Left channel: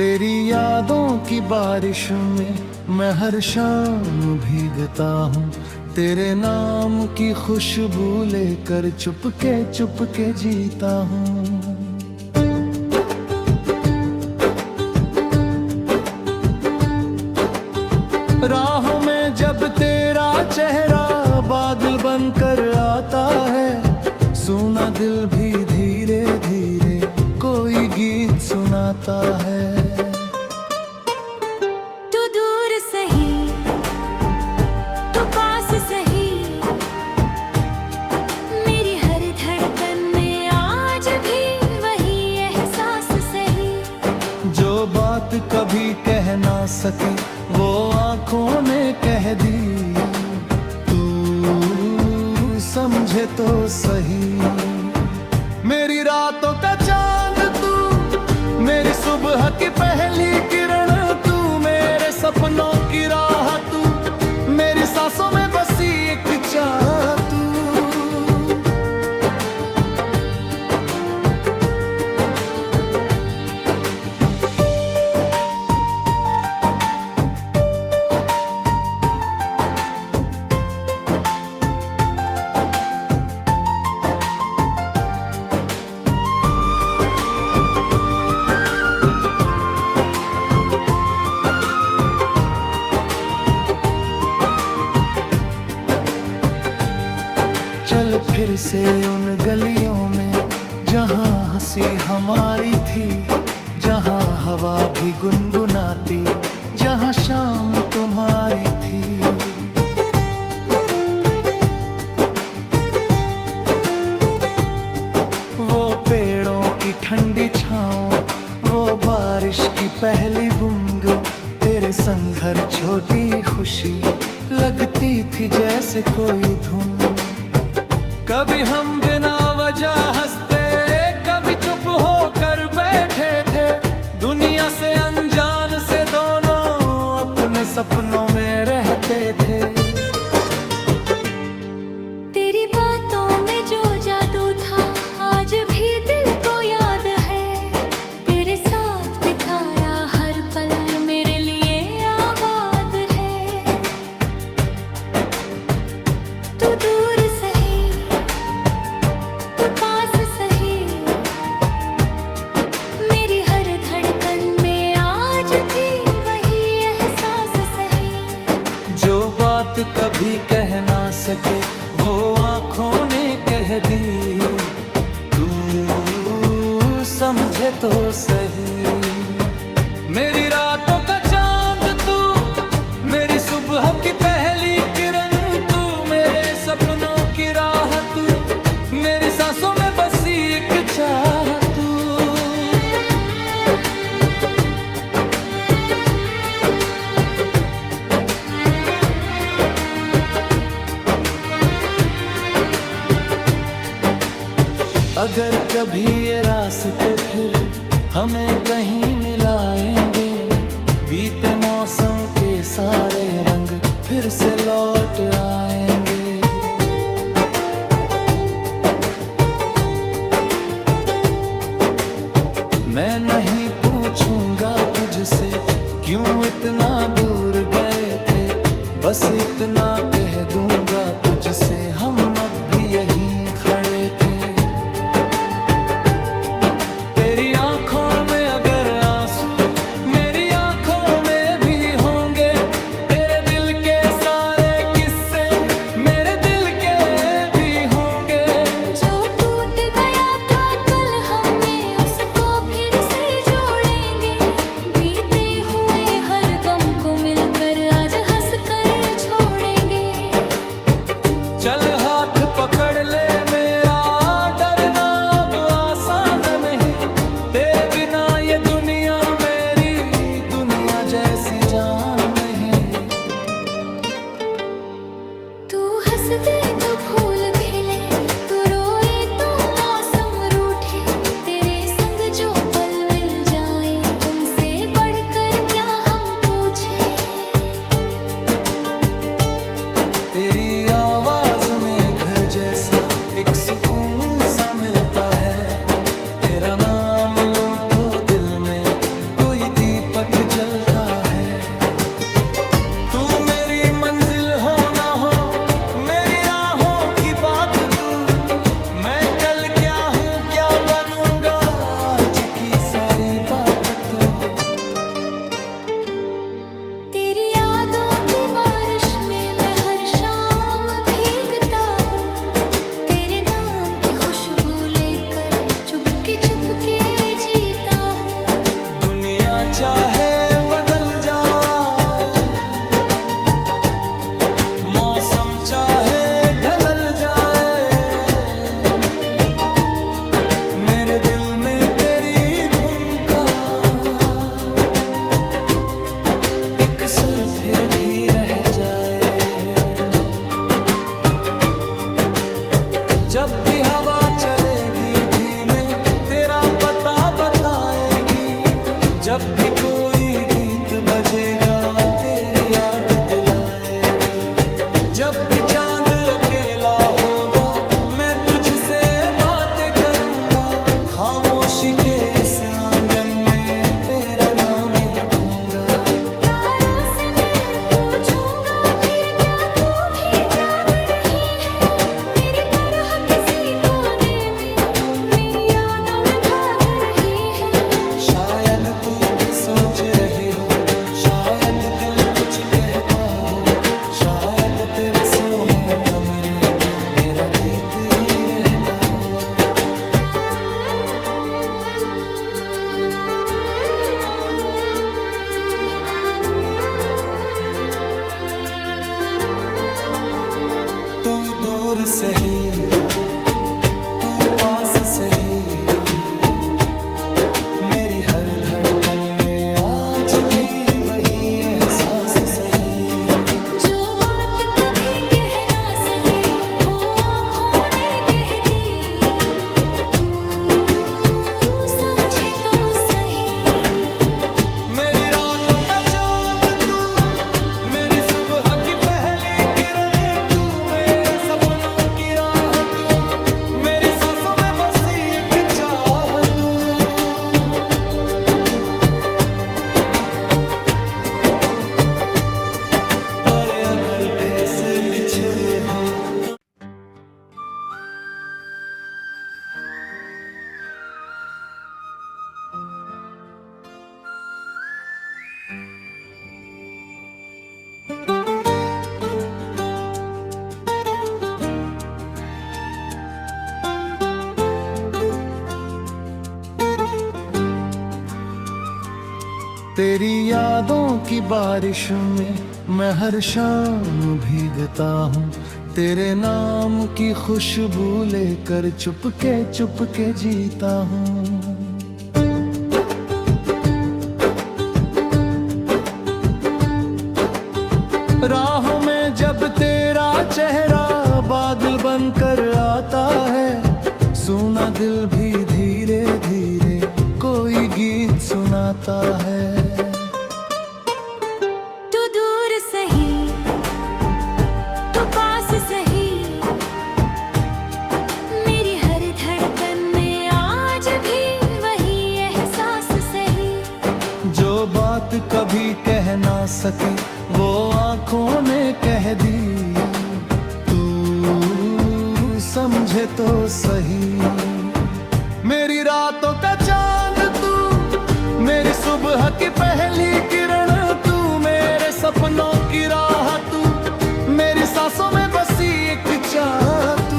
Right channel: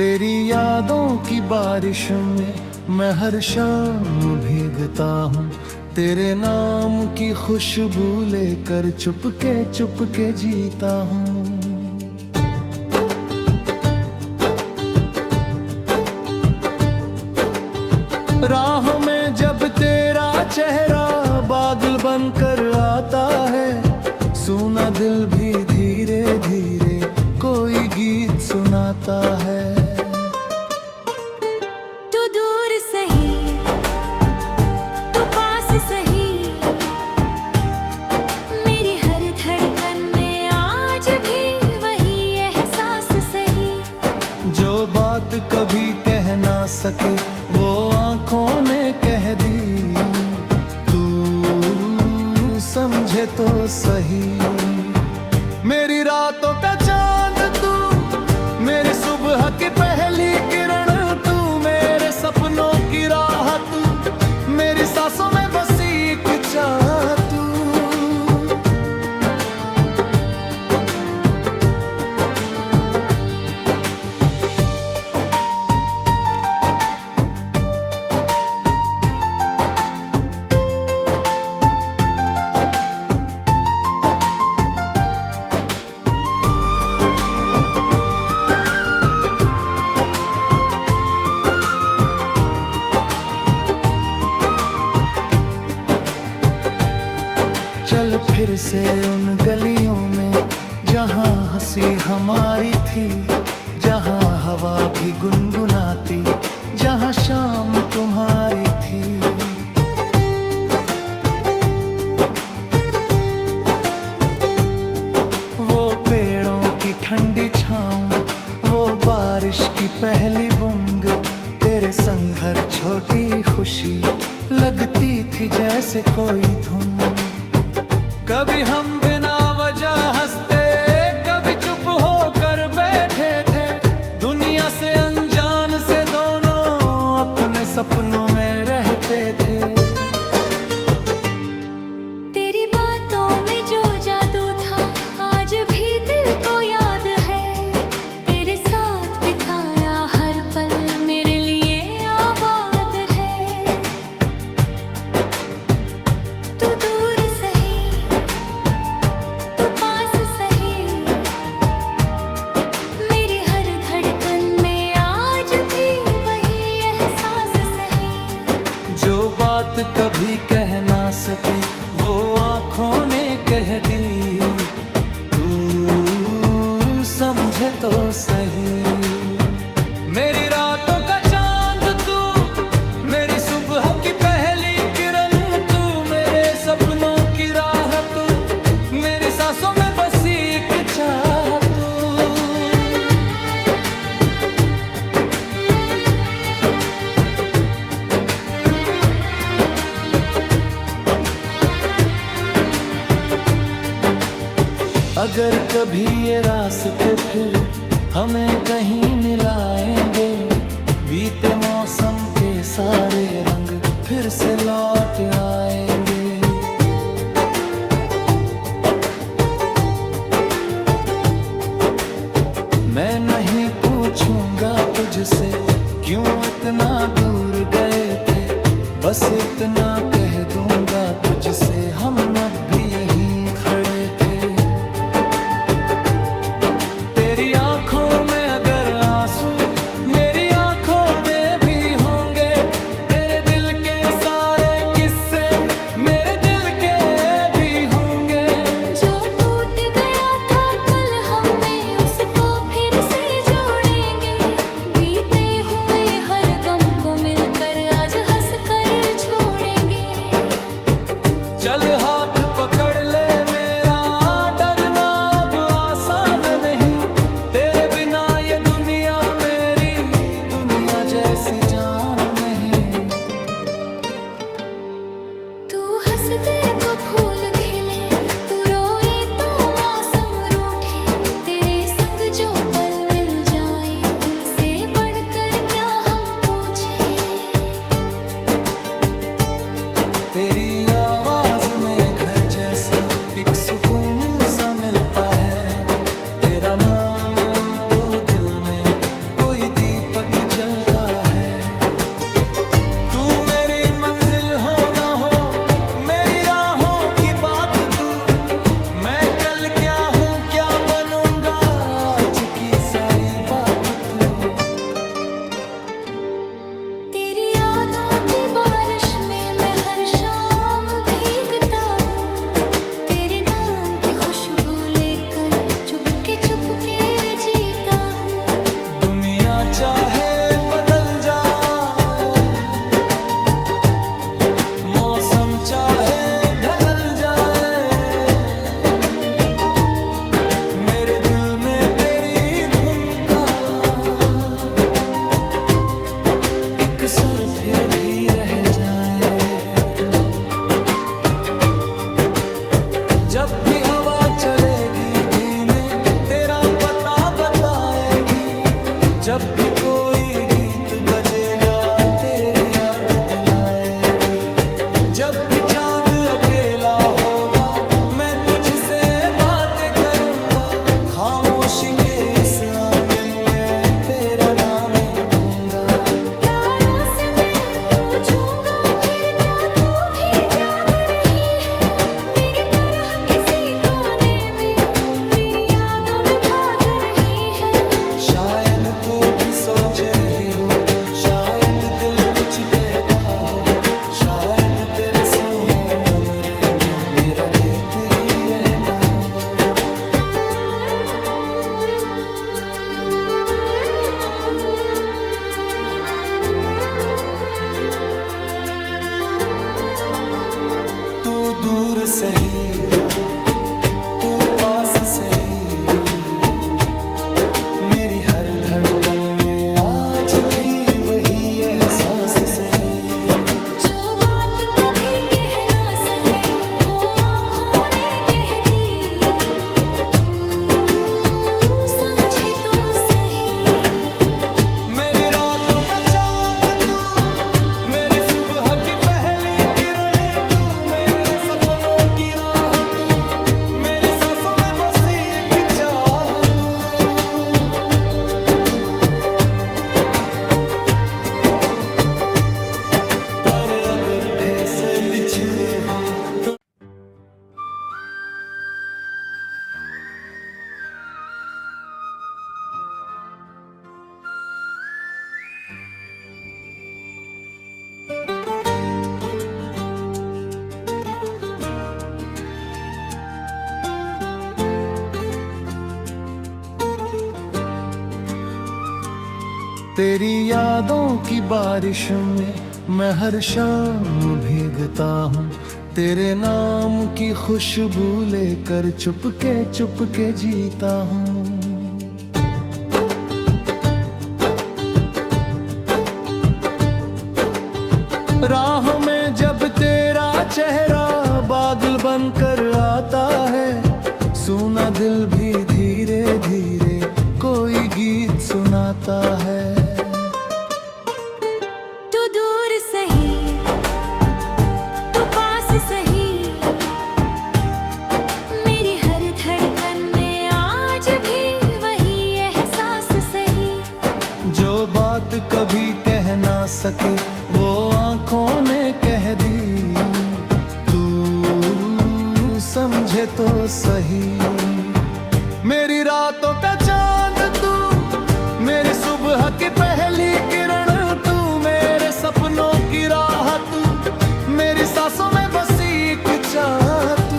तेरी यादों की बारिश में मैं हर शाम भीगता हूँ, तेरे नाम की खुशबू लेकर चुपके चुपके जीता हूँ। राहों में जब तेरा चेहरा बादल बनकर आता है, सुना दिल भी धीरे धीरे कोई गीत सुनाता है। तू दूर सही तू पास सही, मेरी हर धड़कन में आज भी वही एहसास सही। जो बात कभी कह ना सके वो आंखों ने कह दी, तू समझे तो सही। मेरी रातों का चांद तू, मेरी सुबह की पहली किरण तू, मेरे सपनों की राह तू, मेरी सांसों में बसी एक चाह तू। चल फिर से उन गलियों में जहाँ हंसी हमारी थी, जहाँ हवा भी गुनगुनाती, जहाँ शाम तुम्हारी थी। वो पेड़ों की ठंडी छाँव, वो बारिश की पहली बूंद, तेरे संग हर छोटी खुशी लगती थी जैसे कोई धुन। कभी हम बिना वजह हंसते, कभी चुप होकर बैठे थे, दुनिया से अनजान से दोनों अपने सपनों में रहते थे। तेरी बातों में जो जादू था आज भी दिल को याद है, तेरे साथ बिताया हर पल मेरे लिए आबाद है। तू दूर सही तू पास सही, मेरी हर धड़कन में आज भी वही एहसास सही। जो बात कभी कह ना सके वो आंखों ने कह दी, तू समझे तो सही। मेरी रातों का चांद तू, मेरी सुबह की पहली किरण तू, मेरे सपनों की राह तू, मेरी सांसों में बसी एक चाह तू। अगर कभी ये रास्ते फिर हमें कहीं मिलाएंगे, बीते मौसम के सारे रंग फिर से लौट आएंगे। मैं नहीं पूछूंगा तुझसे क्यों इतना दूर गए थे, बस इतना कह दूंगा तुझसे हम अब भी यहीं खड़े थे। तेरी आंखों में अगर आंसू मेरी आंखों में भी होंगे, तेरे दिल के सारे किस्से मेरे दिल के भी होंगे। जो टूट गया था कल हमें उसको फिर से जोड़ेंगे, बीते हुए हर गम को मिलकर आज हंस कर छोड़ेंगे। चल हाथ पकड़ ले मेरा, डरना अब आसान नहीं, तेरे बिना ये दुनिया मेरी दुनिया जैसी जान नहीं। तू हंस दे तो फूल खिले, तू रोए तो मौसम रूठे, तेरे संग जो पल मिल जाए उनसे बढ़कर क्या हम पूछे। तेरी आवाज में घर जैसा एक सुकून सा मिलता है, तेरा नाम लूं तो दिल में कोई दी दीपक जलता है। तू मेरी मंजिल हो ना हो, मेरी राहों की बात तू। मैं कल क्या हूँ क्या बनूंगा, आज की सारी बात तू। तेरी यादों की बारिश में मैं हर शाम भीगता हूँ। तेरे नाम की खुशबू लेकर चुपके चुपके जीता हूँ। दुनिया चाहे बदल जाए, मौसम चाहे ढल जाए, मेरे दिल में तेरी धुन का एक सुर फिर भी रह जाए। जब भी हवा चलेगी धीमे तेरा पता बताएगी। जब भी कोई गीत बजेगा तेरी याद दिलाएगी। जब भी चांद अकेला होगा मैं तुझसे बातें करूंगा। खामोशी के इस आंगन में तेरा नाम ही लिखूंगा। तारों से मैं पूछूंगा फिर क्या तू भी जाग रही है। मेरी तरह किसी कोने में मेरी यादों में भाग रही है। शायद तू भी सोच रही हो, शायद दिल कुछ कहता हो। शायद तेरे सोने कमरे में मेरा गीत ही रहता हो। तू दूर सही, तू पास सही, मेरी हर धड़कन में आज भी वही एहसास सही। जो बात कभी कह ना सके वो आँखों ने कह दी। तू समझे तो सही। मेरी रातों का चांद तू, मेरी सुबह की पहली किरण तू। मेरे सपनों की राह तू, मेरी सांसों में बसी एक चाह तू। पर अगर भय से बिछड़े हूँ तो तेरी यादों की बारिश में मैं हर शाम भीगता हूँ। तेरे नाम की खुशबू लेकर चुपके चुपके जीता हूँ। राहों में जब तेरा चेहरा बादल बनकर आता है, सुना दिल भी धीरे धीरे कोई गीत सुनाता है। तू दूर सही, तू पास सही, मेरी हर धड़कन में आज भी वही एहसास सही। जो बात कभी कह ना सके वो आँखों ने कह दी। तू समझे तो सही। मेरी रातों का चांद तू, मेरी सुबह की पहली किरण तू। मेरे सपनों की राह तू, मेरी सांसों में बसी एक चाह तू।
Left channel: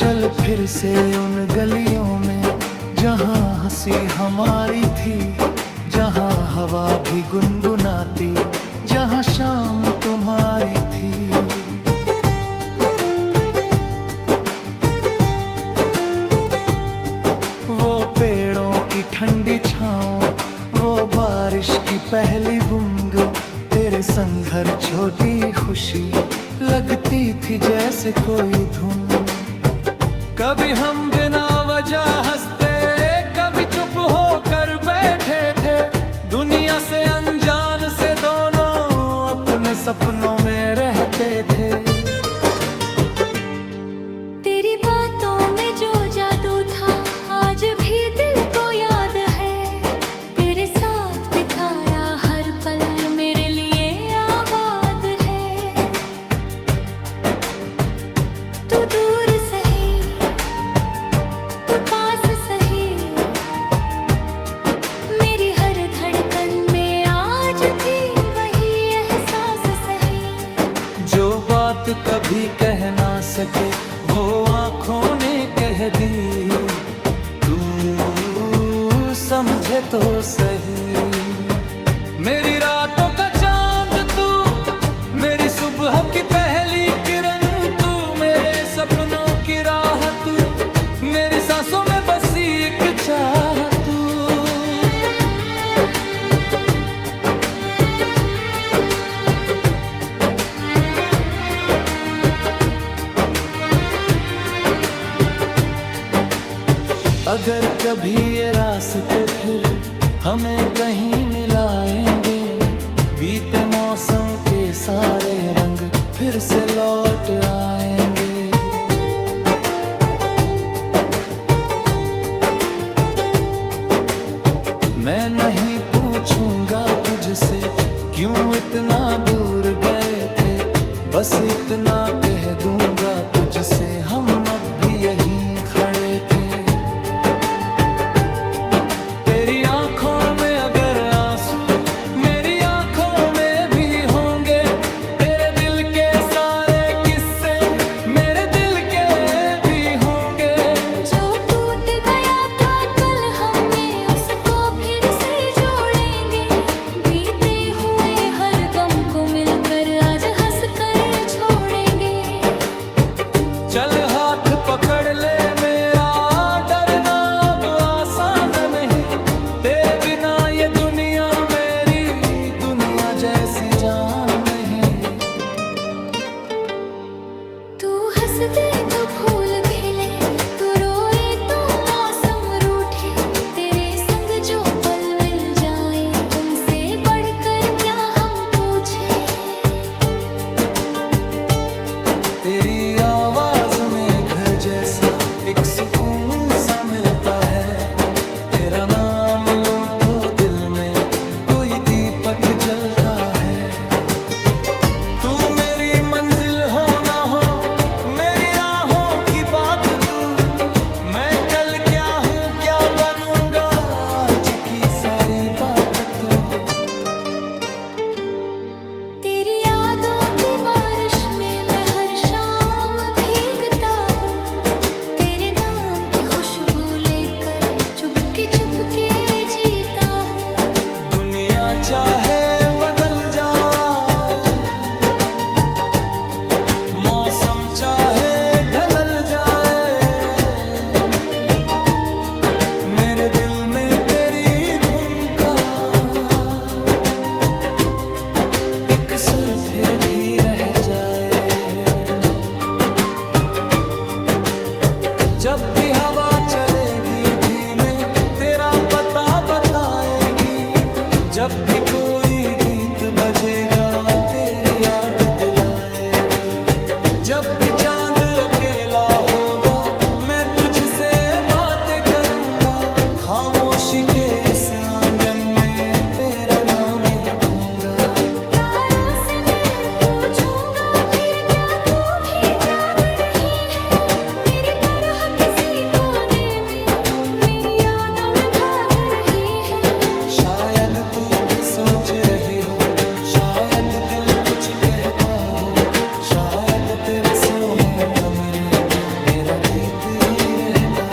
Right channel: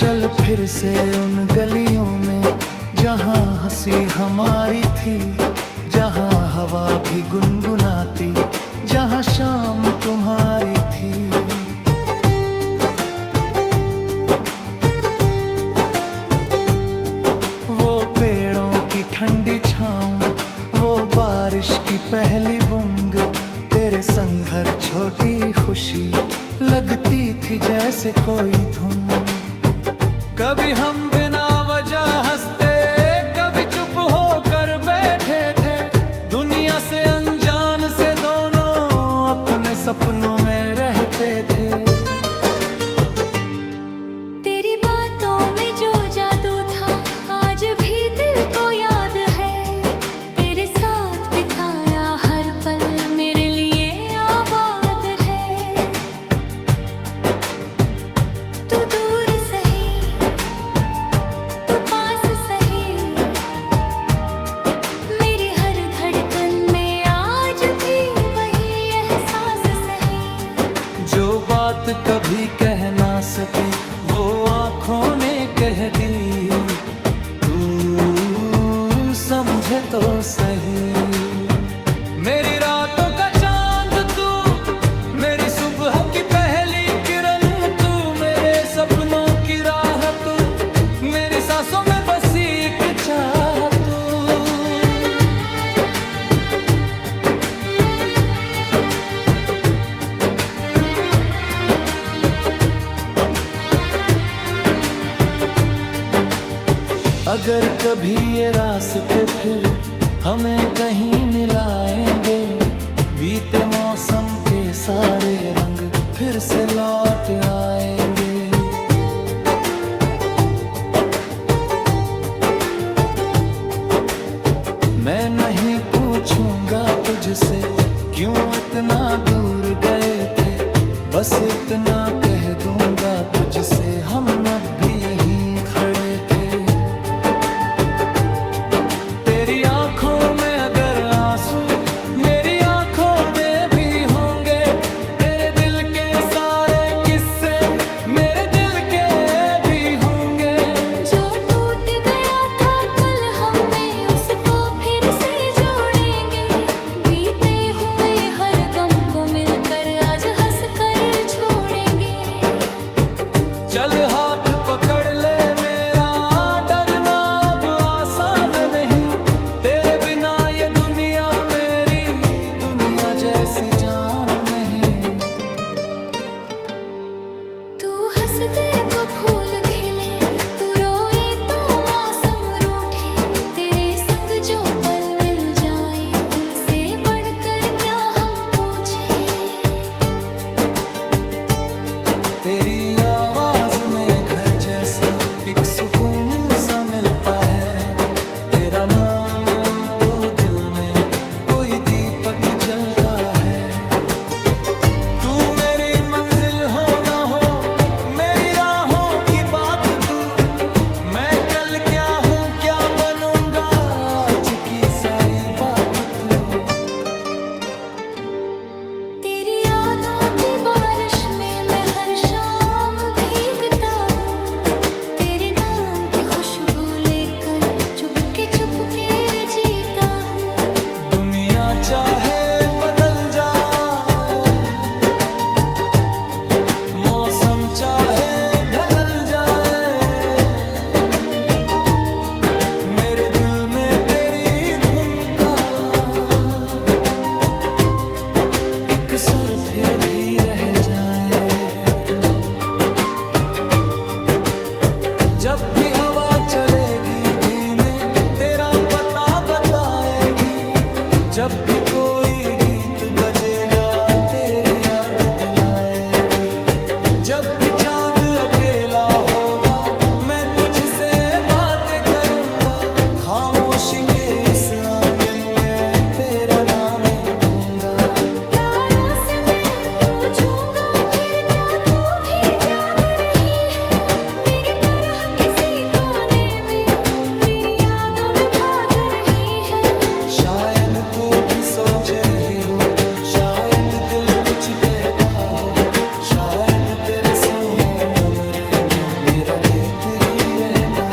चल फिर से उन गलियों में जहाँ हंसी हमारी थी, जहाँ हवा भी गुनगुनाती, जहाँ शाम तुम्हारी थी। वो पेड़ों की ठंडी छाँव, वो बारिश बारिश की पहली बूंद, तेरे संग हर छोटी खुशी लगती थी जैसे कोई धुन। कभी हम बिना वजह हंसते, कभी चुप होकर बैठे थे, दुनिया से अनजान से दोनों अपने सपनों में रहते थे। तेरी बातों में जो जादू था आज भी दिल को याद है, तेरे साथ बिताया हर पल मेरे लिए आबाद है। तू दूर सही तू पास सही, मेरी हर धड़कन में आज भी वही एहसास सही। जो बात कभी कह ना सके वो आँखों ने कह दी, तू समझे तो सही। मेरी रातों का चांद तू, मेरी सुबह की पहली किरण तू, मेरे सपनों की राह तू, मेरी सांसों में बसी एक चाह तू। अगर कभी ये रास्ते फिर हमें कहीं मिलाएंगे, बीते मौसम के सारे रंग फिर से लौट आएंगे। मैं नहीं पूछूंगा तुझसे क्यों इतना दूर गए थे, बस इतना कह दूंगा तुझसे हम अब भी यहीं खड़े थे। तेरी आंखों में अगर आंसू मेरी आंखों में भी होंगे, तेरे दिल के सारे किस्से मेरे दिल के भी होंगे। जो टूट गया था कल हमें उसको फिर से जोड़ेंगे, बीते हुए हर गम को मिलकर आज हंस कर छोड़ेंगे। चल हाथ पकड़ ले मेरा, डरना अब आसान नहीं, तेरे बिना ये दुनिया मेरी दुनिया जैसी जान नहीं। तू हंस दे तो फूल खिले, तू रोए तो मौसम रूठे, तेरे संग जो पल मिल जाए उनसे बढ़कर क्या हम पूछे। तेरी आवाज में घर जैसा एक सुकून सा मिलता है, तेरा नाम लूं तो दिल में कोई दीपक जलता है। तू मेरी मंजिल हो ना हो मेरी राहों की बात तू, मैं कल क्या हूँ क्या बनूंगा आज की सारी बात तू। तेरी यादों की बारिश में मैं हर शाम भीगता हूँ, तेरे नाम की खुशबू लेकर चुपके चुपके जीता हूँ। दुनिया चाहे बदल जाए, मौसम चाहे ढल जाए, मेरे दिल में तेरी धुन का एक सुर फिर भी रह जाए। जब भी हवा चलेगी धीमे तेरा पता बताएगी, जब भी कोई गीत बजेगा तेरी याद दिलाएगी। जब भी चांद अकेला होगा मैं तुझसे बातें करूंगा, खामोशी के इस आंगन में तेरा नाम ही लिखूंगा। तारों से मैं पूछूंगा फिर क्या तू भी जाग रही है, मेरी तरह किसी कोने में मेरी यादों में भाग रही है। शायद तू भी सोच रही हो, शायद दिल कुछ कहता हो, शायद तेरे सोने कमरे में मेरा गीत ही रहता